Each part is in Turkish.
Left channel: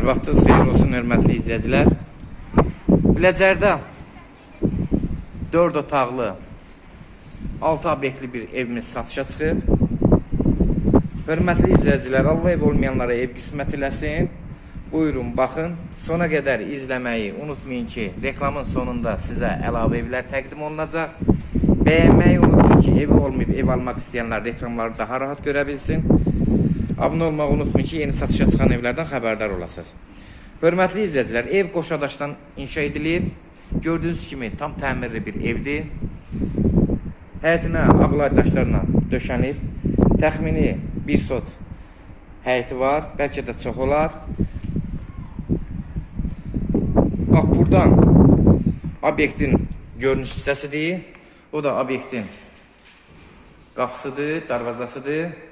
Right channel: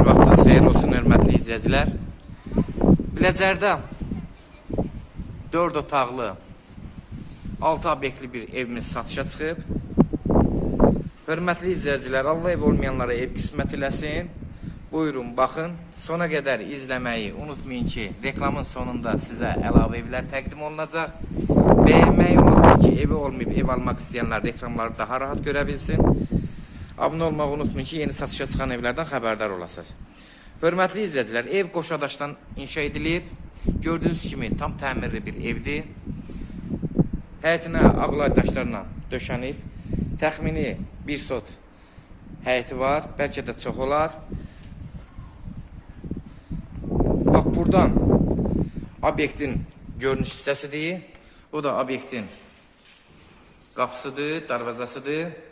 Hər vaxtınız xeyir olsun, hörmətli izləyicilər. Biləcərdə 4 otaqlı 6 obyektli bir evimiz satışa çıxıb. Hörmətli izləyicilər, Allah ev olmayanlara ev qismət eləsin. Buyurun, baxın. Sona qədər izləməyi unutmayın ki, reklamın sonunda sizə əlavə evlər təqdim olunacaq. Bəyənməyi unutmayın ki, evi olmayıb ev almaq istəyənlər reklamları daha rahat görə bilsin. Abunə olmağı unutmayın ki, yeni satışa çıxan evlərdən xəbərdar olasınız. Hörmətli izləyicilər, ev qoşadaşdan inşa edilir. Gördüyünüz kimi tam təmirli bir evdir. Həyətinə ağlay daşlarla döşənib. Təxmini bir sot həyəti var, bəlkə də çox olar. Bax buradan obyektin görünüş hissəsidir. O da obyektin qapısıdır, darvazasıdır.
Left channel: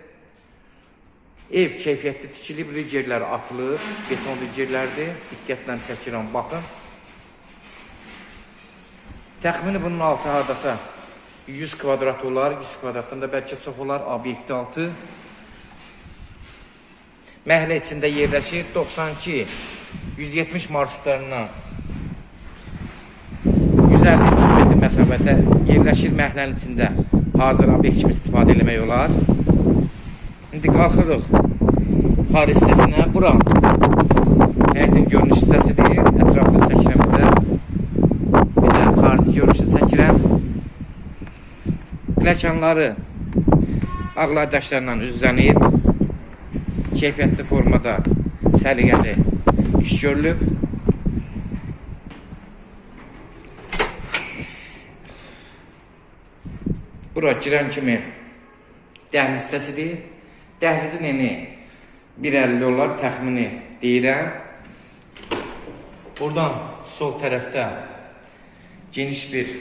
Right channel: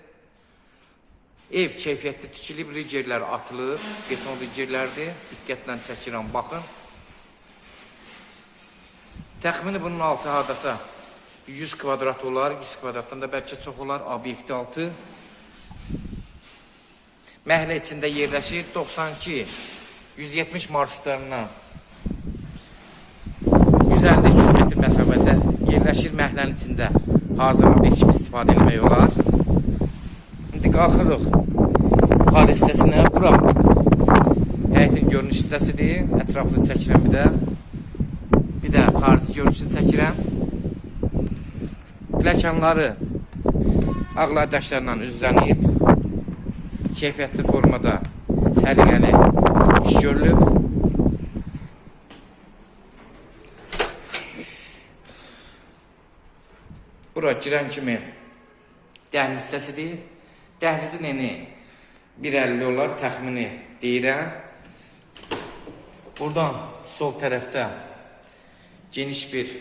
Ev keyfiyyətli tikilib, ricerlər atılıb, beton ricerlərdir. Diqqətlə çəkirəm, baxın. Təxmini bunun altı hardasa 100 kvadrat olar, 100 kvadratdan da bəlkə çox olar, obyekti altı. Məhlə içində yerləşir 92 170 marşrutlarından 150 km məsafədə yerləşir məhlənin içində. Hazır obyekt kimi istifadə etmək olar. İndi qalxırıq yuxarı hissəsinə. Bura həyətin görünüş hissəsidir. Ətraflı çəkirəm bir də. Bir də xarici görünüşü çəkirəm. Pləkanları ağlar daşlarla üzlənib. Keyfiyyətli formada səliqəli iş görülüb. Bura girən kimi dəhliz hissəsidir. Dəhlizin eni 1.50 olar təxmini deyirəm. Buradan sol tərəfdə geniş bir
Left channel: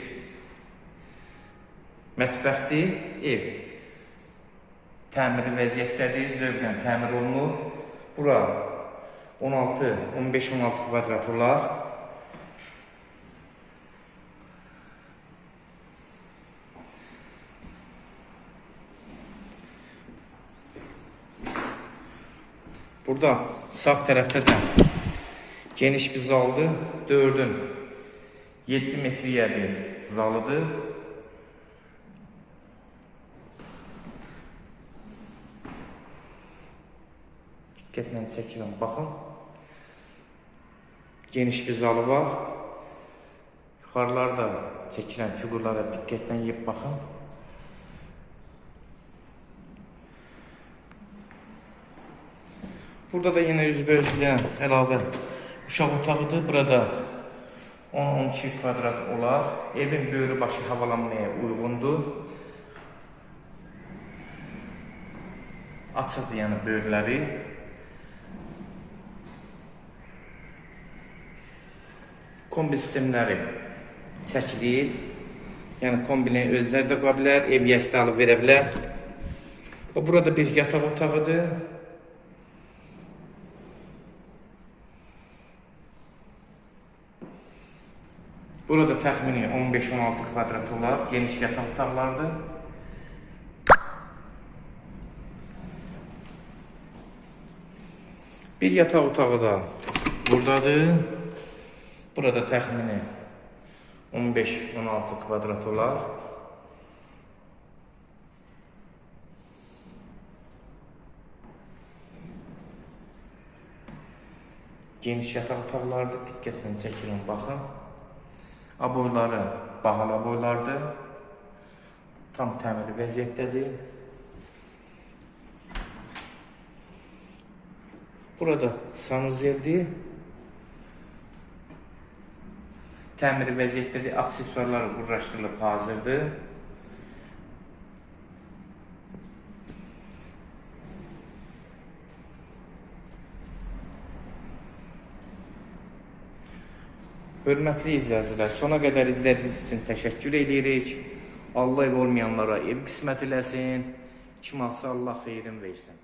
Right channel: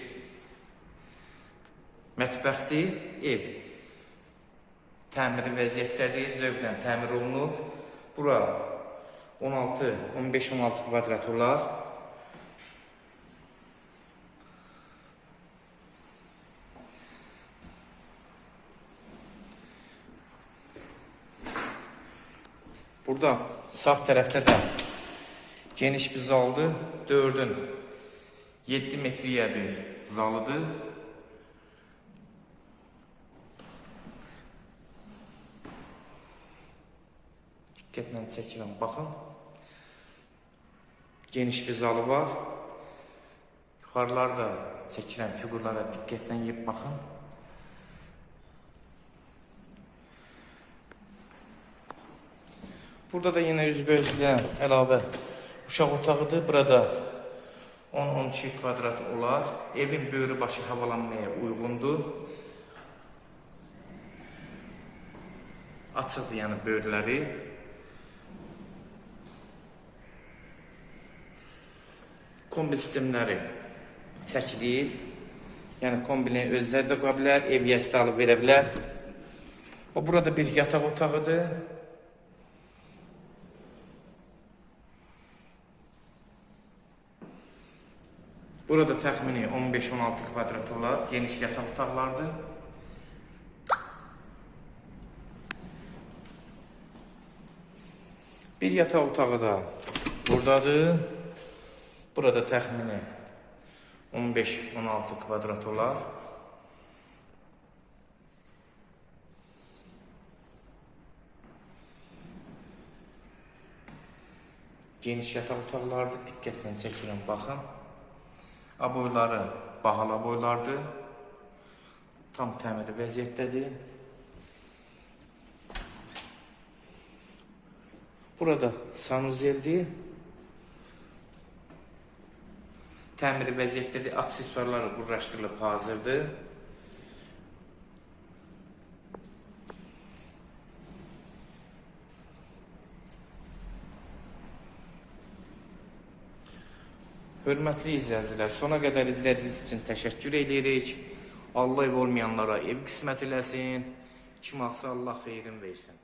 mətbəxdir, ev. Təmiri vəziyyətdədir, zövqlə təmir olunub. Bura 16, 15-16 kvadrat olar. Burada sağ tərəfdə də geniş bir zaldır. 4-ün 7 metriyə bir zalıdır. Diqqətlə çəkirəm, baxın. Geniş bir zalı var. Yuxarılarda çəkirəm fiqurlara diqqətlə yeyib baxın. Burada da yine üzbözlüyə əlavə uşaq otağıdır. Burada 10-12 kvadrat olar. Evin böyrü başı havalanmaya uyğundur. Açıqdır yəni böyrləri. Kombi sistemləri çəkilir. Yəni kombini özləri də qura bilər, ev yəsi alıb verə burada bir yataq otağıdır. Burada təxmini 15-16 kvadrat olar, geniş yataq otaqlardır. Bir yataq otağı da buradadır. Burada təxmini 15-16 kvadrat olar. Geniş yataq otaqlardır, diqqətlə çəkirəm, baxın. Aboyları bahalı aboylardır. Tam təmiri vəziyyətdədir. Burada sanuzeldir. Təmiri vəziyyətdədir. Aksesuarları qurlaşdırılıb hazırdır. Hörmətli izləyicilər, sona qədər izlədiyiniz üçün təşəkkür edirik. Allah ev olmayanlara ev qismət eləsin. Kim alsa Allah xeyrin versin.